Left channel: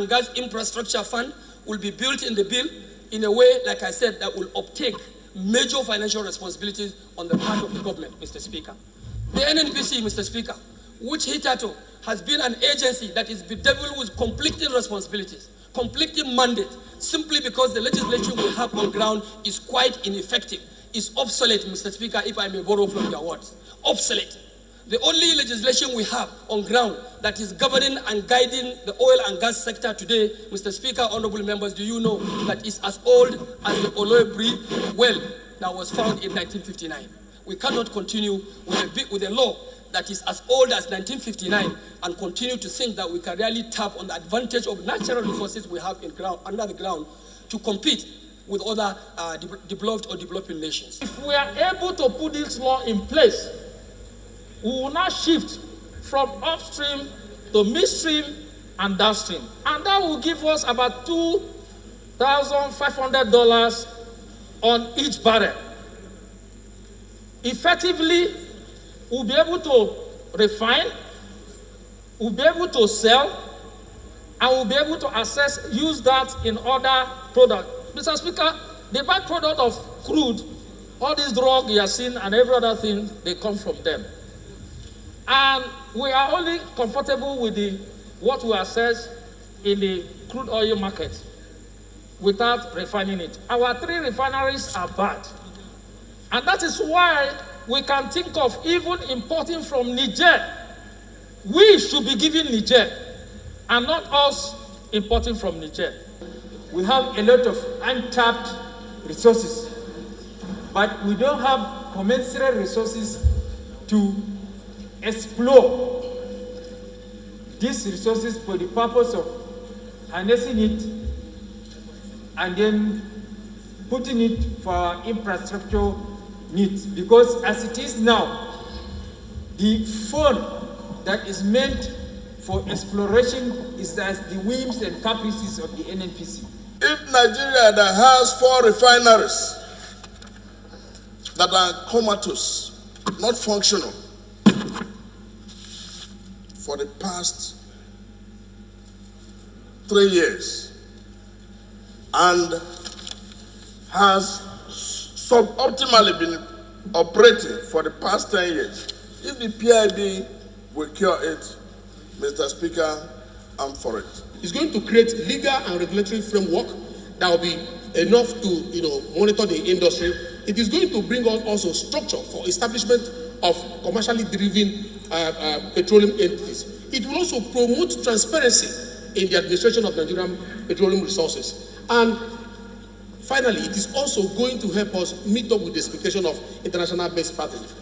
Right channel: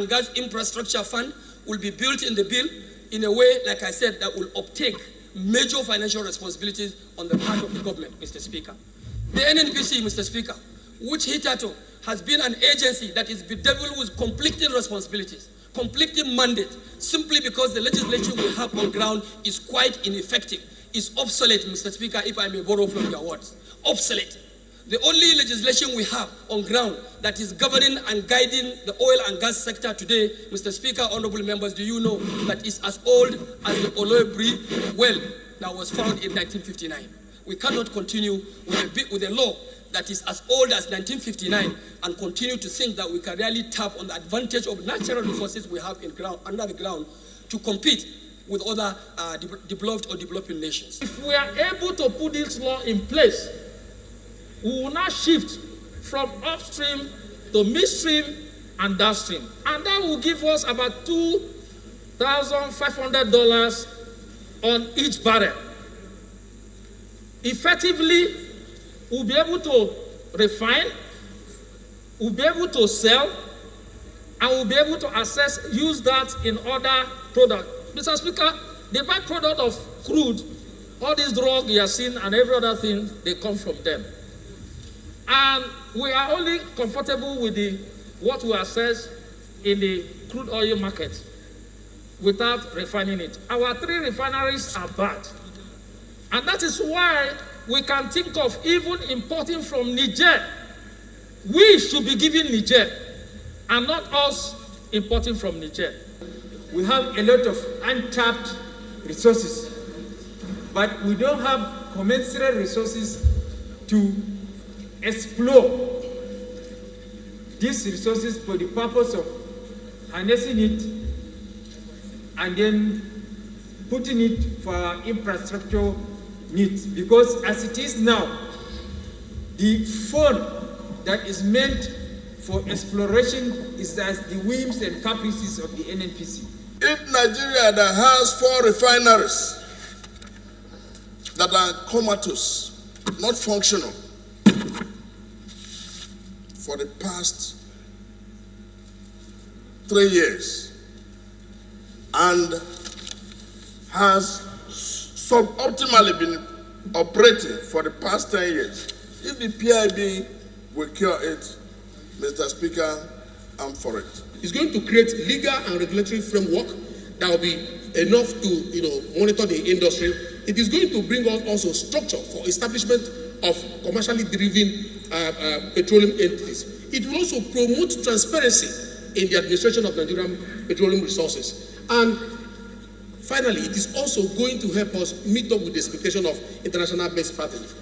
and Gas Infrastructure Fund will be built in the bill in a way, like I said, that will uptake major financial responsibilities on the part of the government, Mr. Speaker. The NNPC, Mr. Speaker, which hitherto has been an agency that is bedeviled with conflicting responsibilities, conflicting mandate, simply because the legislation we have on ground is quite ineffective, is obsolete, Mr. Speaker, if I may borrow from your words. Obsolete. The only legislation we have on ground that is governing and guiding the oil and gas sector today, Mr. Speaker, honorable members, do you know that is as old as the Oloibri well that was found in 1959? We cannot continue with a law that is as old as 1959 and continue to think that we can really tap on the advantage of natural resources we have under the ground to compete with other developed or developing nations. If we are able to put this law in place, we will now shift from upstream to midstream and downstream. And that will give us about $2,500 on each barrel. Effectively, we'll be able to refine, we'll be able to sell, and we'll be able to use that in other products. Mr. Speaker, the byproduct of crude, all these drugs you have seen and every other thing, they come from them. And we are only comfortable with what we assess in the crude oil market without refining it. Our 3 refineries are bad. And that is why we can think of even importing from Niger. We should be giving Niger and not us importing from Niger. We have a lot of untapped resources, but we don't have commensurate resources to explore these resources for the purpose of harnessing it and then putting it for our infrastructure needs. Because as it is now, the fund that is meant for exploration is as the whims and caprices of the NNPC. If Nigeria that has 4 refineries that are comatose, not functional, for the past 3 years, and has suboptimally been operating for the past 10 years, if the PIB will cure it, Mr. Speaker, I'm for it. It's going to create legal and regulatory framework that will be enough to, monitor the industry. It is going to bring us also structure for establishment of commercially driven petroleum entities. It will also promote transparency in the administration of Nigerian petroleum resources. And finally, it is also going to help us meet up with the expectation of international best practice.